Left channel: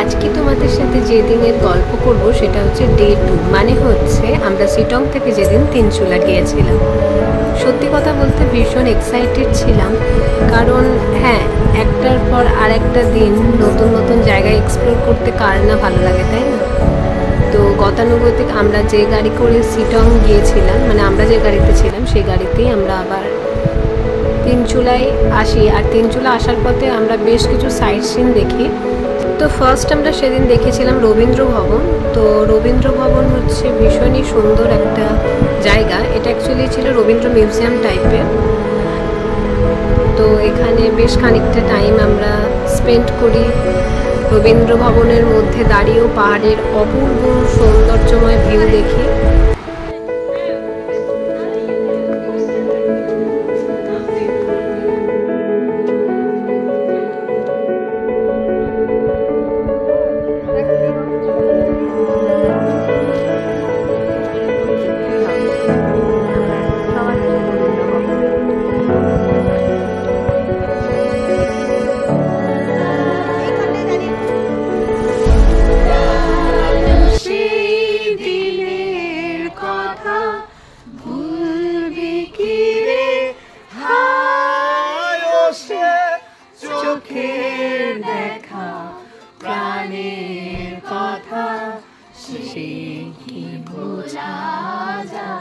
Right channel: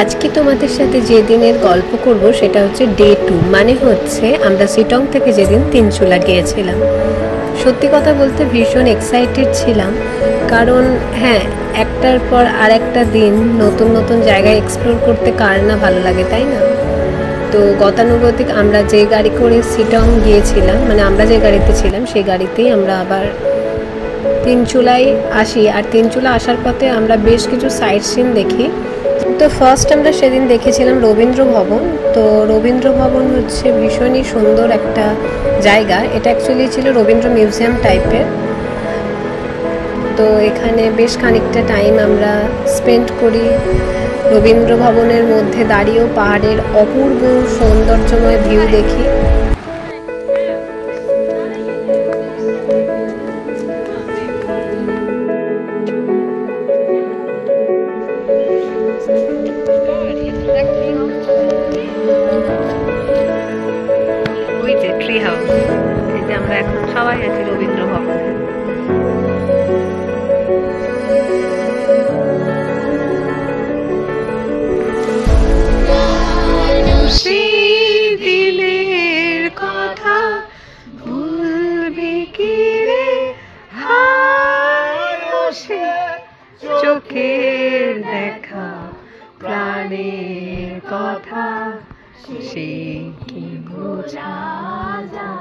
আজকে তোমাদের সাথে যে দিনের গল্প করব সেটা হচ্ছে ডে 2, মানে হচ্ছে আমরা সিটং থেকে যেদিন তিনচুলা গিয়েছিলাম। সত্যি কথা বলতে ভীষণ এক্সাইটেড ছিলাম, কারণ হ্যাঁ, একটার পর আর একটা দিন নতুন নতুন জায়গায় এক্সপ্লোর করতে কার না ভালো লাগে, তাই না? তো গতানুগতিক আমরা যে গাড়ি করে সিটং গিয়েছিলাম, মানে আমরা যে গাড়িতে ছিলাম সেই গাড়িতেই আমরা আবার তিনচুলায় আসি। আর তিনচুলা আসার পথে আমরা বেশ কিছু সাইট সিন দেখি। তো ফার্স্ট আমরা সেদিন দেখেছিলাম রবীন্দ্র ভবন। তো রবীন্দ্র ভবন হচ্ছে ভীষণই সুন্দর একটা জায়গা। এটা অ্যাকচুয়ালি ছিল রবীন্দ্র মিউজিয়াম টাইপের। তো এখানে বেশ খানিকটা টাইম আমরা স্পেন্ড করি রবীন্দ্র ভবনের মধ্যে দাঁড়িয়েও পাহাড়ের অপূর্ব সৌন্দর্যময় ভিউ দেখি। ট্রি হাউস, এই যে আমরা এখন সবাই আছি রবীন্দ্র ভবনে। দিলের কথা ভুলবি কি রে, চোখের দেখা প্রাণের কথা সে কি বোঝা যায়।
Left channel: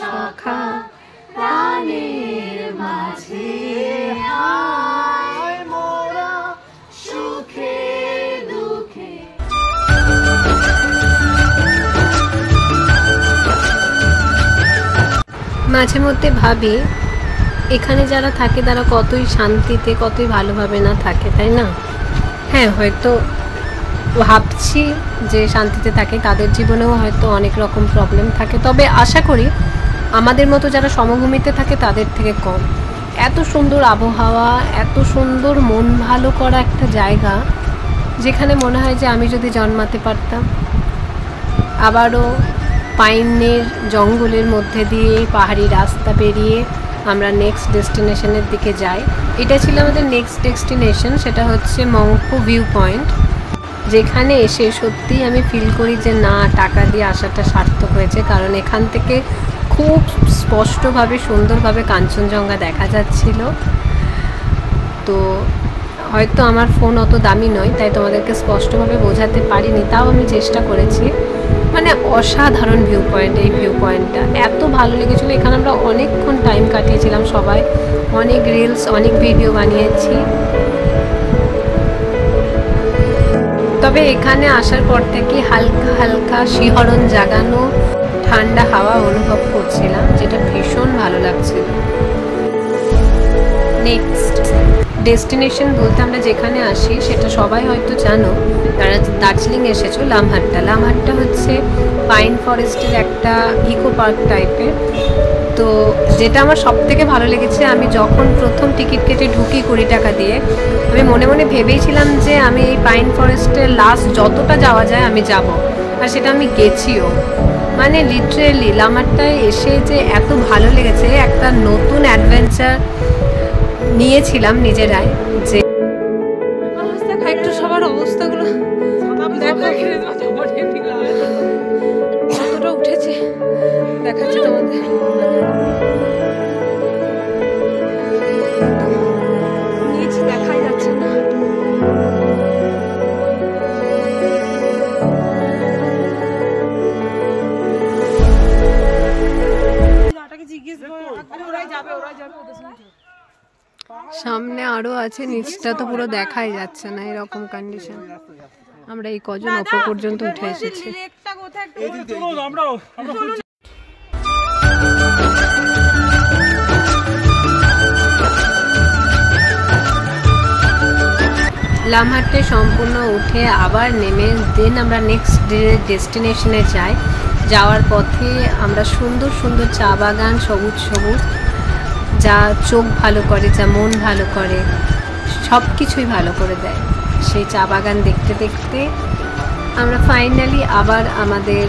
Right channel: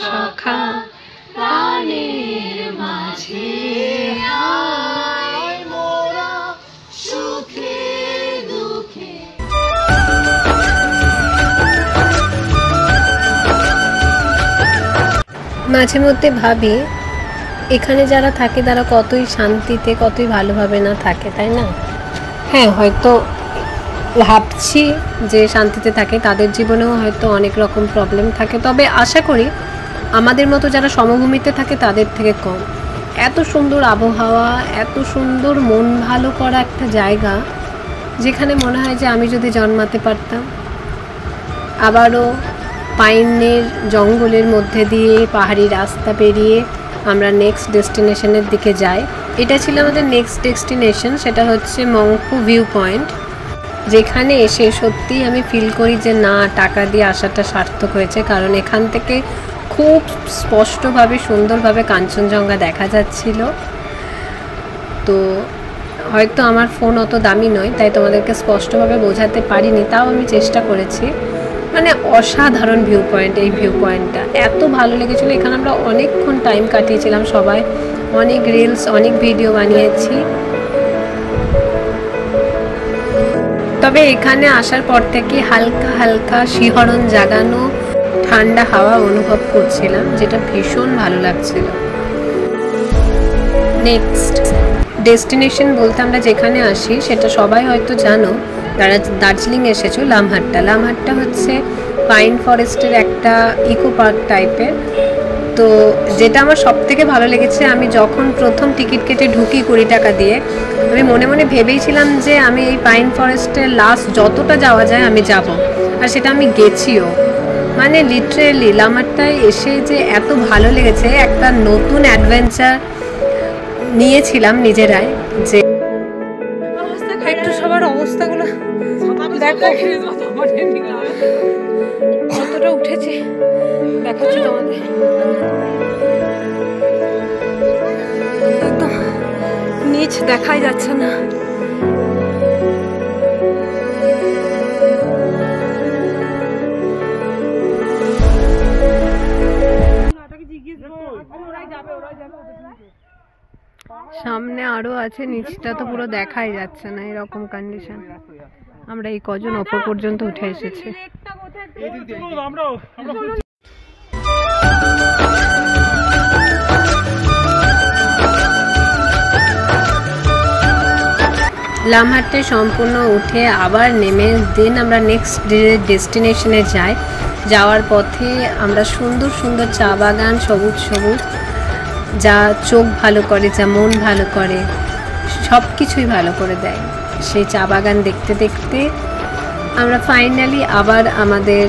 সখা প্রাণের মাঝে মোরা সুখে দুঃখে। মাঝে মধ্যে ভাবি এখানে যারা থাকে তারা কতই শান্তিতে, কতই ভালোভাবে না থাকে, তাই না? হ্যাঁ, হয়তো ভাবছি যে শান্তিতে থাকে, তাদের জীবনেও হয়তো অনেক রকম প্রবলেম থাকে, তবে আশা করি আমাদের মতো যারা সমভূমিতে থাকে তাদের থেকে কম। এত সুন্দর আবহাওয়া, এত সুন্দর মন ভালো করা একটা জায়গা, যেখানে মনে হয় যে আমি যদি জন্মাতে পারতাম। আবারও পাইনের জঙ্গলের মধ্যে দিয়ে পাহাড়ি রাস্তা পেরিয়ে আমরা নেক্সট ডেস্টিনেশনের দিকে যাই। এটা ছিল আমাদের নেক্সট ডেস্টিনেশন, সেটা হচ্ছে মংপো ভিউ পয়েন্ট, যেখানে এসে সত্যিই আমি ফিল করি যে না, টাকা দিয়ে আসাটা সার্থক হয়েছে। কারণ এখান থেকে খুব স্পষ্টভাবে সুন্দরভাবে কাঞ্চনজঙ্ঘা দেখা যাচ্ছিল। তো হয়তো আমার ফোন অত দামি নয়, তাই তোমাদেরকে স্পষ্টভাবে বোঝাতে পারিনি, তাও আমি চেষ্টা করেছি। মানে অসাধারণ ভিউ পয়েন্ট। এই ভিউ পয়েন্টটা এত ভালো লেগেছিলো। এখানে আমরা অনেকক্ষণ টাইম কাটিয়েছিলাম সবাই, অনেক রিলস, অনেক ভিডিও বানিয়েছি। তবে এখানে আসার পর থেকে হালকা হালকা শিহরণ জাগানো ঠান্ডা হাওয়া অনুভব করছিলাম, যেটা ভীষণ ভালো লাগছিল। নেক্সট ডেস্টিনেশন বলতে আমরা যেখানে আসি সেটা সবাই হয়তো জানো, যারা দার্জিলিং এসেছো, লামহাট্টা। লামহাট্টা হচ্ছে পাইন ফরেস্টের একটা ইকো পার্ক টাইপের। তো যেটা আমার সব থেকে ভালো লেগেছে, আমি যখন প্রথম টিকিট কেটে ঢুকি 20 টাকা দিয়ে, আমি মনে মনে ভেবেইছিলাম যে আমি এই পাইন ফরেস্টের লাস্ট যতটা যাওয়া যায় আমি যাব, আর সেটা আমি গেছিও। মানে লিটারেলি লামহাট্টায় এসে যে এত ভালো লেগেছে, একটা নতুন অ্যাডভেঞ্চার নিয়েছিলাম নিজেরাই। যে অবস্থা, একটু সবার অবস্থাগুলো দেখো, কতটা উঠেছে দেখাচ্ছি তোমাদের। একদম নিচ দেখাই যাচ্ছে না। সামনে আরো আছে, নিচটা তো পুরো দেখাই যাচ্ছে না, এরকম কন্ডিশন। আমরা এই কজন ওপর পর্যন্ত উঠে এসেছি। লামহাট্টে সম্পূর্ণ উঠে আবার নেমে দেন আমরা নেক্সট ডেস্টিনেশনে যাই। যাওয়ার পথে আমরা সুন্দর সুন্দর চা বাগান, সবুজ সবুজ, যা চোখ ভালো করে, যা মন ভালো করে, সব কিছুই ভালো করে দেয়। সেই চা বাগান দেখতে দেখতে আমরা ফাইনালি আবার আমাদের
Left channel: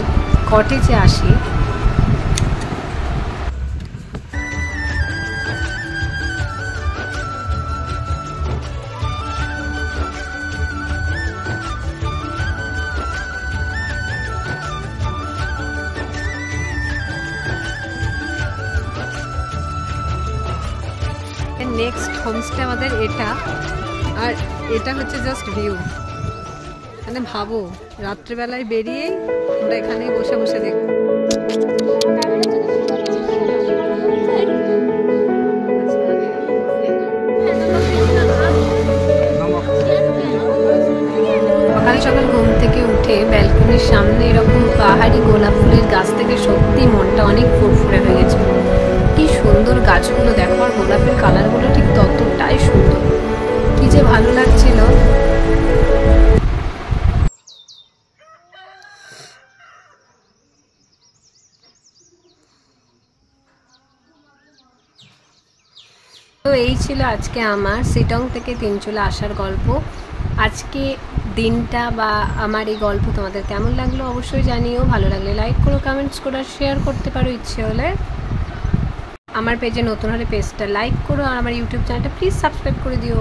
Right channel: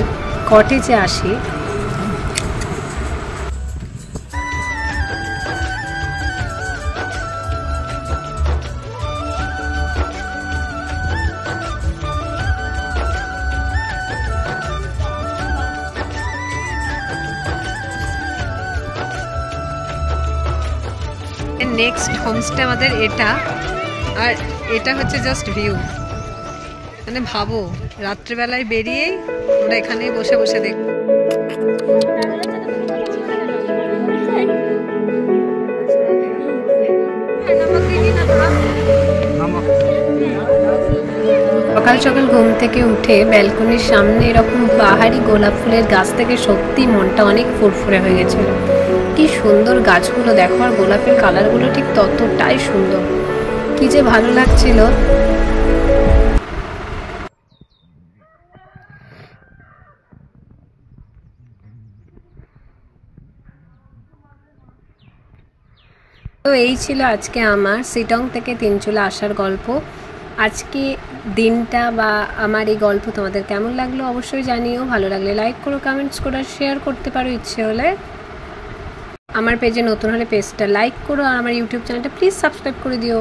কটেজে আসি। নেক্সট হোমস্টে আমাদের এটা, আর এটা হচ্ছে জাস্ট ভিউ। মানে ভাবো রাত্রেবেলায় বেরিয়েই আমরা এখানেই বসে বসে দেখব। সকাল সকাল ঘুম থেকে উঠে ব্যালকনির সামনে এরকম পাহাড়ি গোলাপ ফুলের গাছ থেকে সত্যি মনটা অনেক ফুরফুরে হয়ে গেছিল। কি সুন্দর গাছগুলো দেখো, আর গোলাপের কালারগুলো ঠিক ততটাই সুন্দর, কি যে ভালো লাগছিল। তো এই ছিল আজকে আমার শিটং থেকে তিনচুলা আসার গল্প। আজকে দিনটা বা আমার এই গল্প তোমাদের কেমন লাগলো অবশ্যই জানিও। ভালো লাগলে লাইক করো, কমেন্টস করো, শেয়ার করতে পারো ইচ্ছে হলে। আমার পেজে নতুন হলে পেজটা লাইক করো, আর আমার ইউটিউব চ্যানেলটা প্লিজ সাবস্ক্রাইব করে দিও।